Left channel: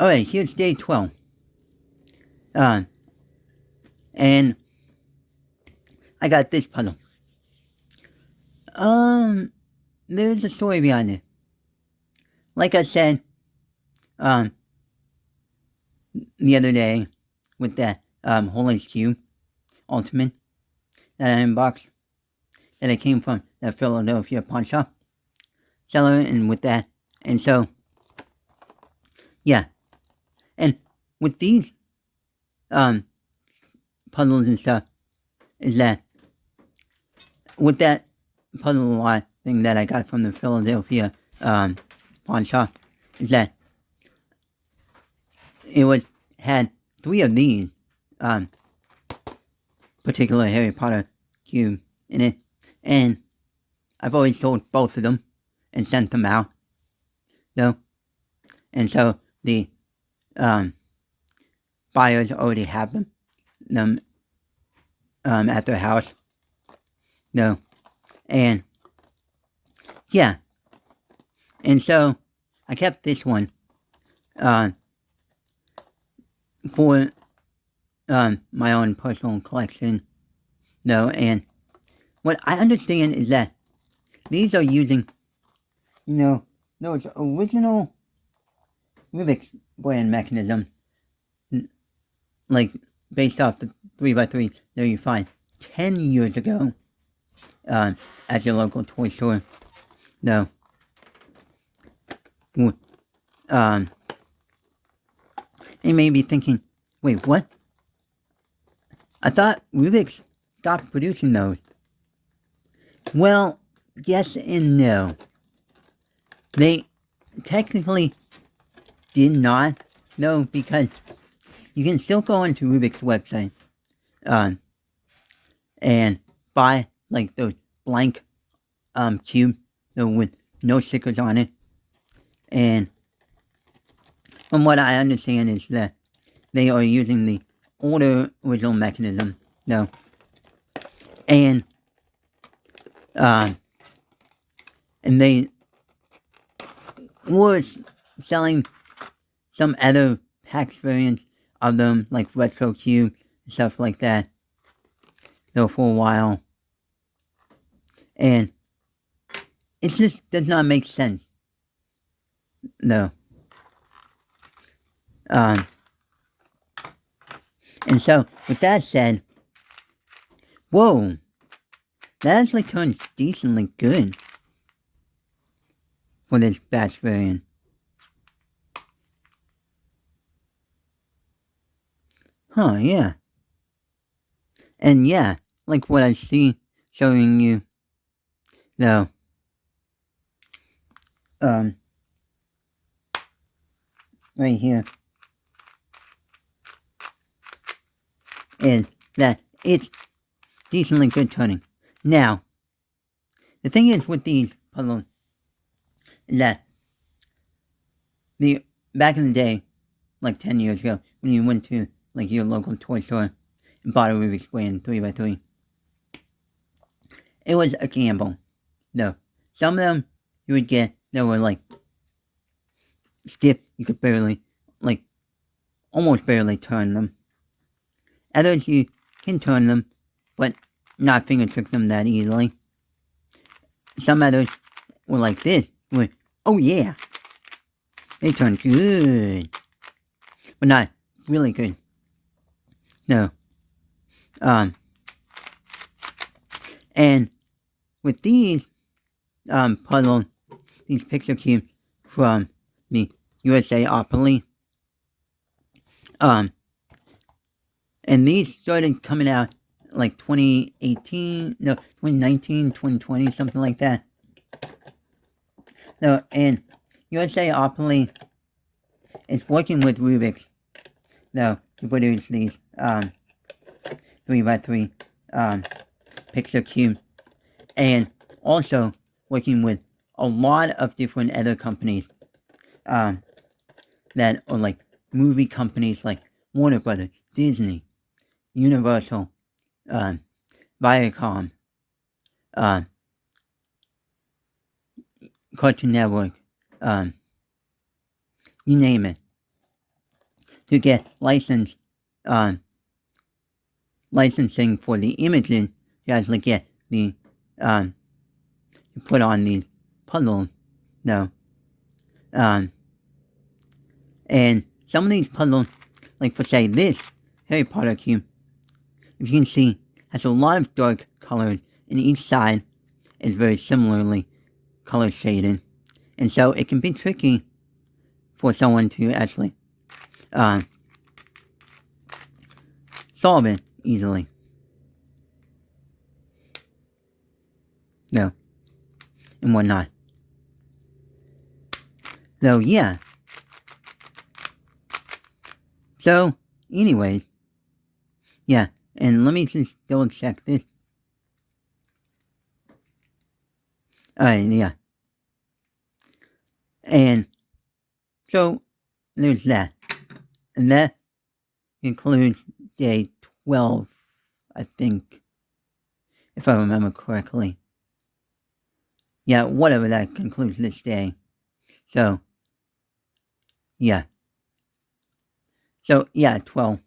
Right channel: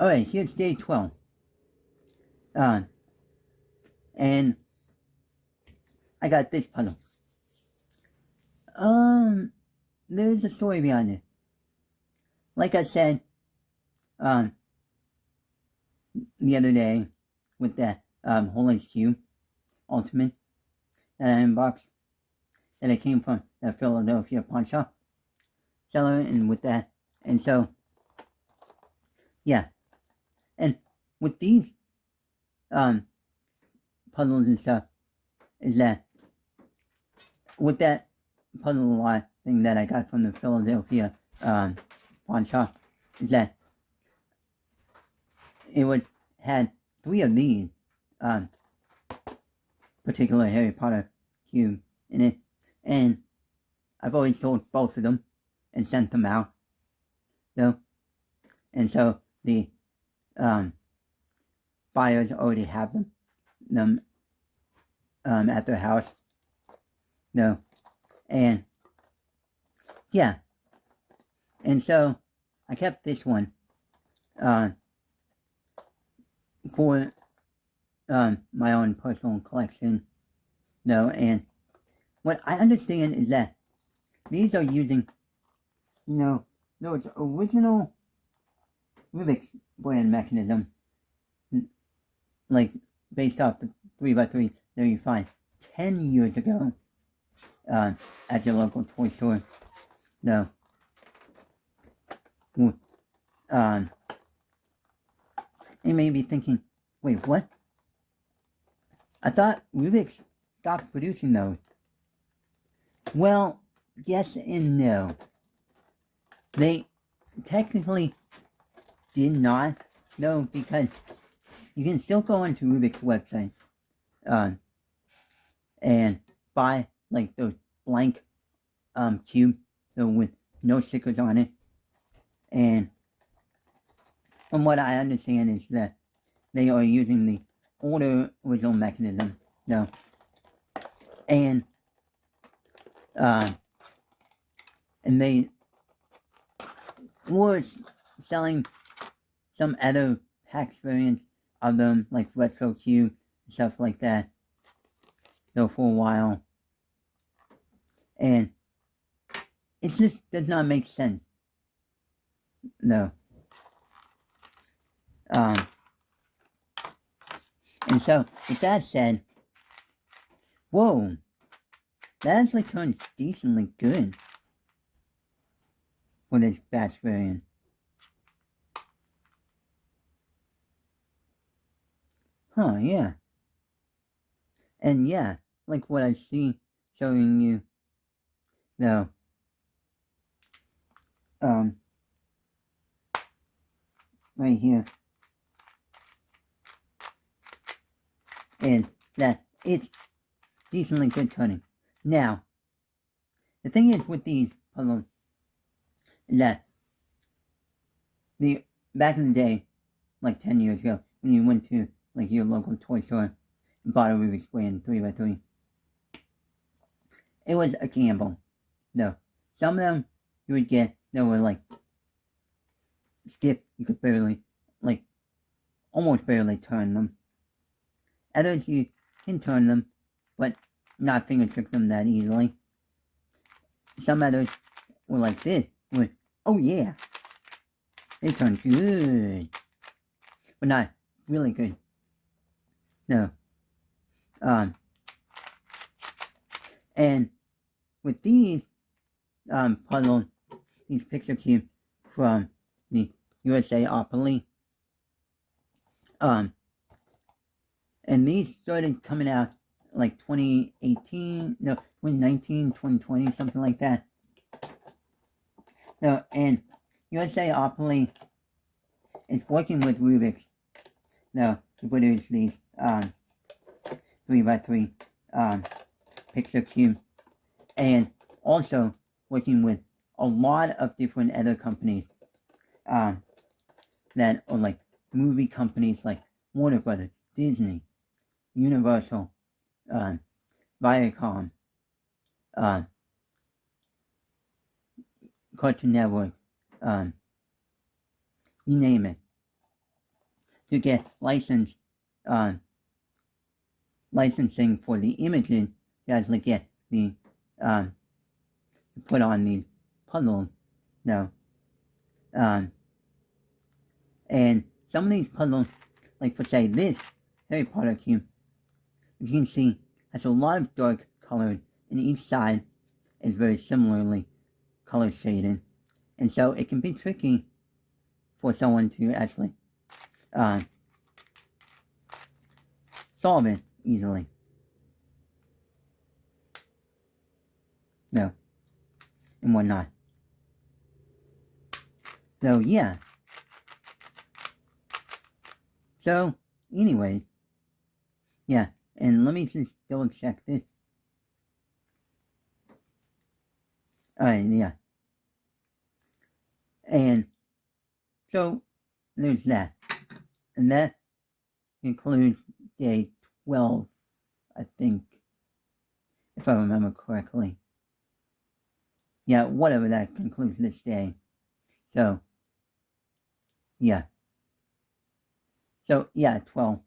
Alright, here's day 12. Uh, and I got this puzzle. There's a story behind it. Like I said, um, the other day with that, Holy Cube Ultimate that I unboxed, that I came from the Philadelphia pawn shop seller, and with that, and so, yeah, and with these, um, puzzles and stuff, is that, with that puzzle lot thing that I got from the Philadelphia, pawn shop, is that it had 3 of these, um, particular Harry Potter cube in it, and I've always sold both of them and sent them out, though, and so the, buyers already have them, at their house, though, and, yeah, and so I kept this one, for, my own personal collection, though, and what I understand is that these are using, those original Rubik's brand mechanism, like, based off the 3x3 that you find 10 years ago, at your local toy store, though, you may be thinking, wait, what? I thought Rubik's stopped producing those. Well, yes and no. They technically did not, though, because you can still go into Rubik's website, and buy, like, those blank, cubes, with no stickers on it, and from what I understand is that they are using the older original mechanism, though, and they were selling some other PAX variants of them, like Retro Cube, and stuff like that, though, for a while, and it just does not make sense, no. And so, with that said, whoa, that actually turns decently good for this batch variant. Huh, yeah. And yeah, like what I see showing you, though, right here, is that it's decently good turning. Now, the thing is with these puzzles, is that back in the day, like 10 years ago, when you went to, like, your local toy store and bought a Rubik's brand 3x3, it was a gamble, though. Some of them you would get that were, like, stiff, you could barely, like, almost barely turn them. Others you can turn them, but not finger trick them that easily. Some others were like this, where, oh yeah, they turn good, but not really good. No. And with these, puzzles, these picture cubes from the USA Opoly, and these started coming out like 2019, 2020, something like that. No, and USA Opoly is working with Rubik's, to produce these, 3x3, picture cube, and also working with a lot of different other companies, that are like movie companies like Warner Brothers, Disney, Universal, Viacom, Cartoon Network, you name it. to get licensing for the images, you actually get the you put on the puzzles. No. And some of these puzzles, like for say this Harry Potter cube, if you can see, has a lot of dark colors, and each side is very similarly color shaded. And so it can be tricky for someone to actually solve it easily. No. And whatnot. So, yeah. So, anyways. Yeah, and let me just double check this. Alright, yeah. And so, there's that. And that includes day 12, I think, if I remember correctly. Yeah, whatever, that concludes this day. So, yeah. So, yeah, 12.